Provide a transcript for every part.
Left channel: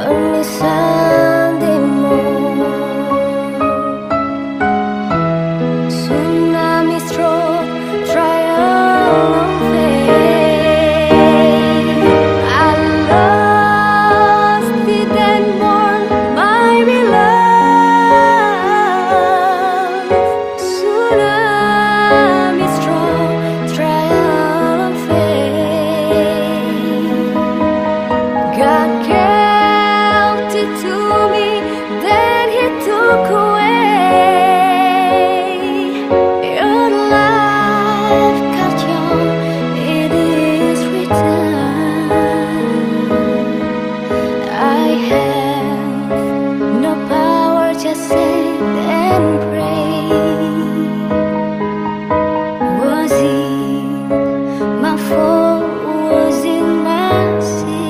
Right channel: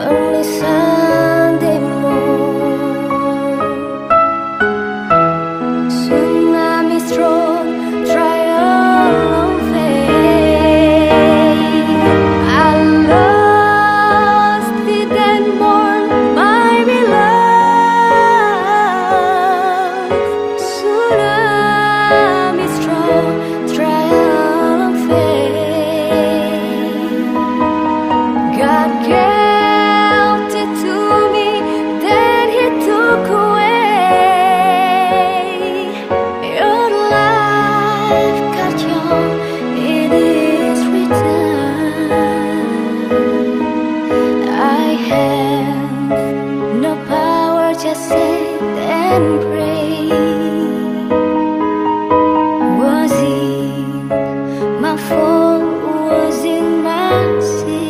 only Sunday morn. Tsunami stroke, trial of faith. I lost it and mourn my beloved. Tsunami stroke, trial of faith. God gave it to me, then He took away. Your life got young, it is written. I have no power, just sit and pray. Was it my fault? Was it my sin?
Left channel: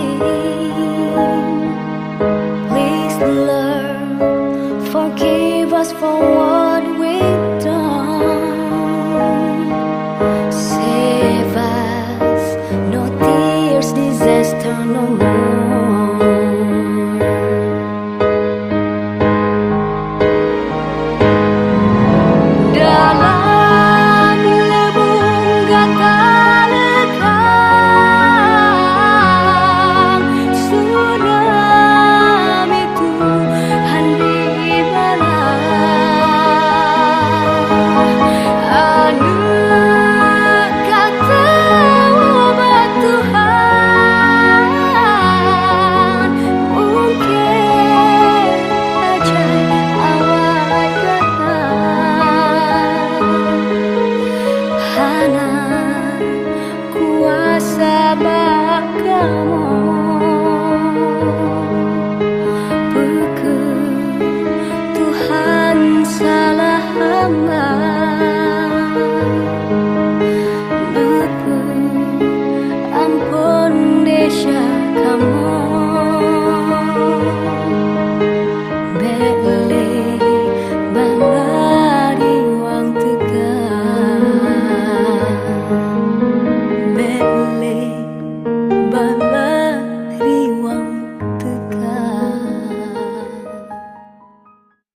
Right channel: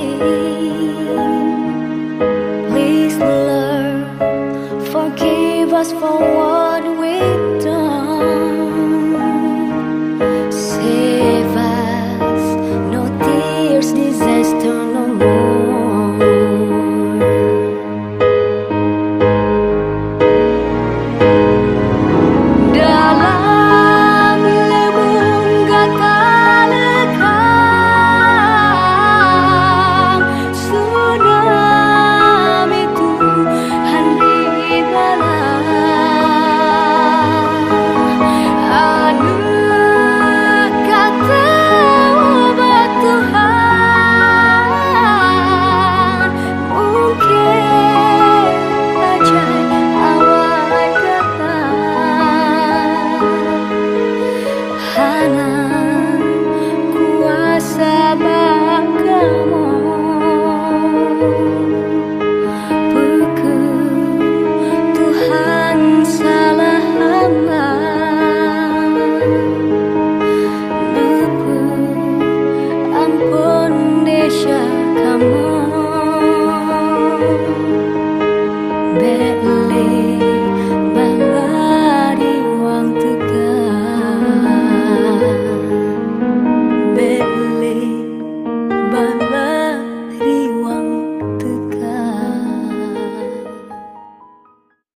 Please, Lord, forgive us for what